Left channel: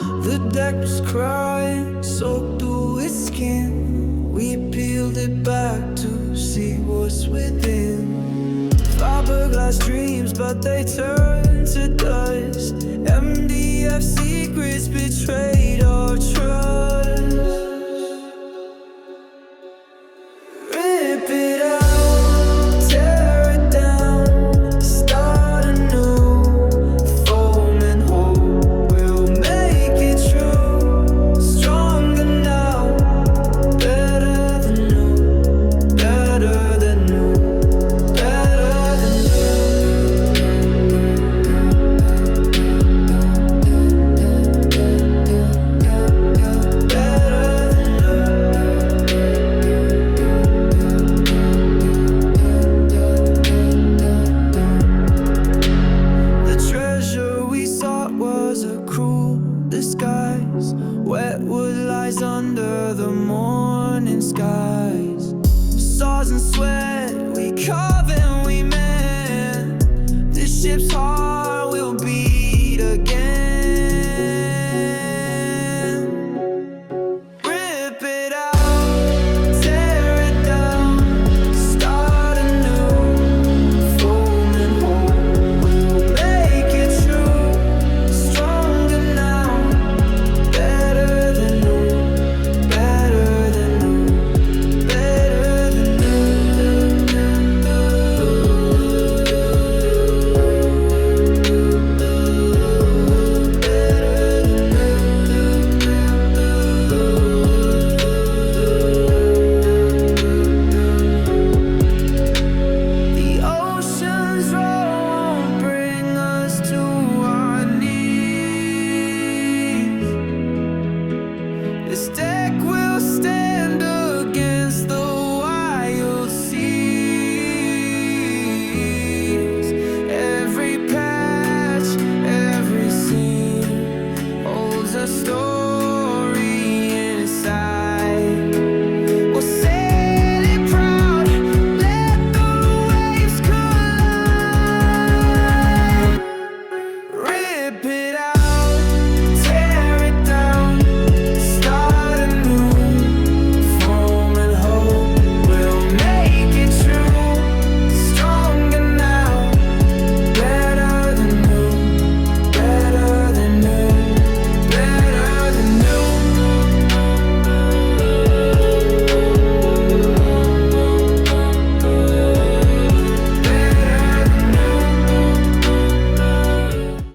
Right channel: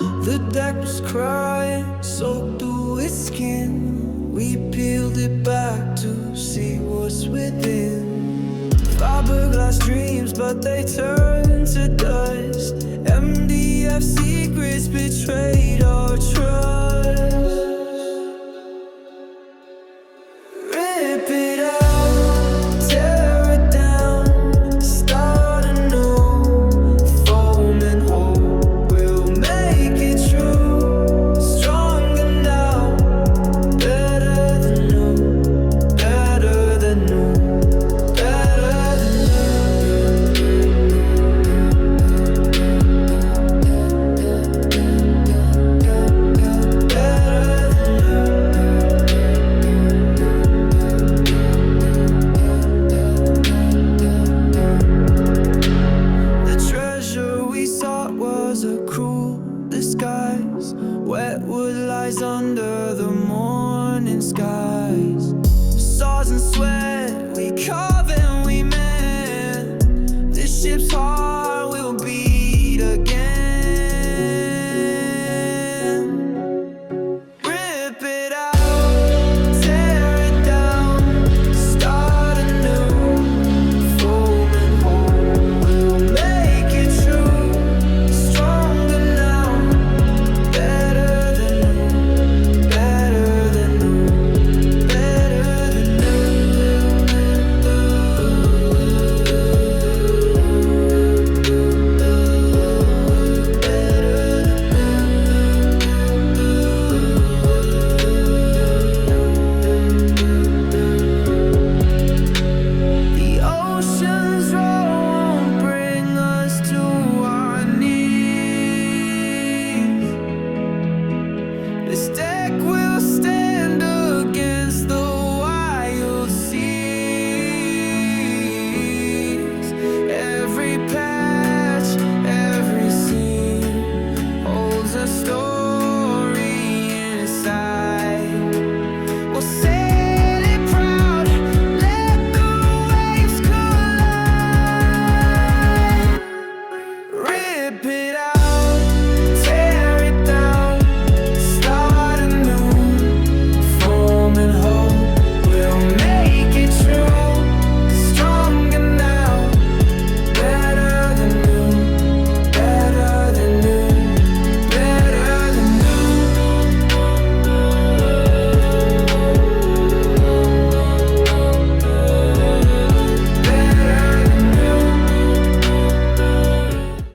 The deck was crying, soaked through its skin. We peeled it back to see what's within. Fiberglass dreams, but they turned to dust. MDF secrets betrayed our trust. Rip it out, tear it down, start anew. Foam and hope, we'll make it true. Stronger now, better than new, better than new, better than treasure we sought was a cruel disguise. Wet wood lies under the morning skies. Saws and sweat, we carve and we mend. This ship's heart will beat again. Rip it out, tear it down, start anew. Foam and hope, we'll make it true. Stronger now, better than new, better than new, better than The ocean's roar won't bring us to our knees. This deck will stand against the wild seas. Every patch, every seam holds a story inside.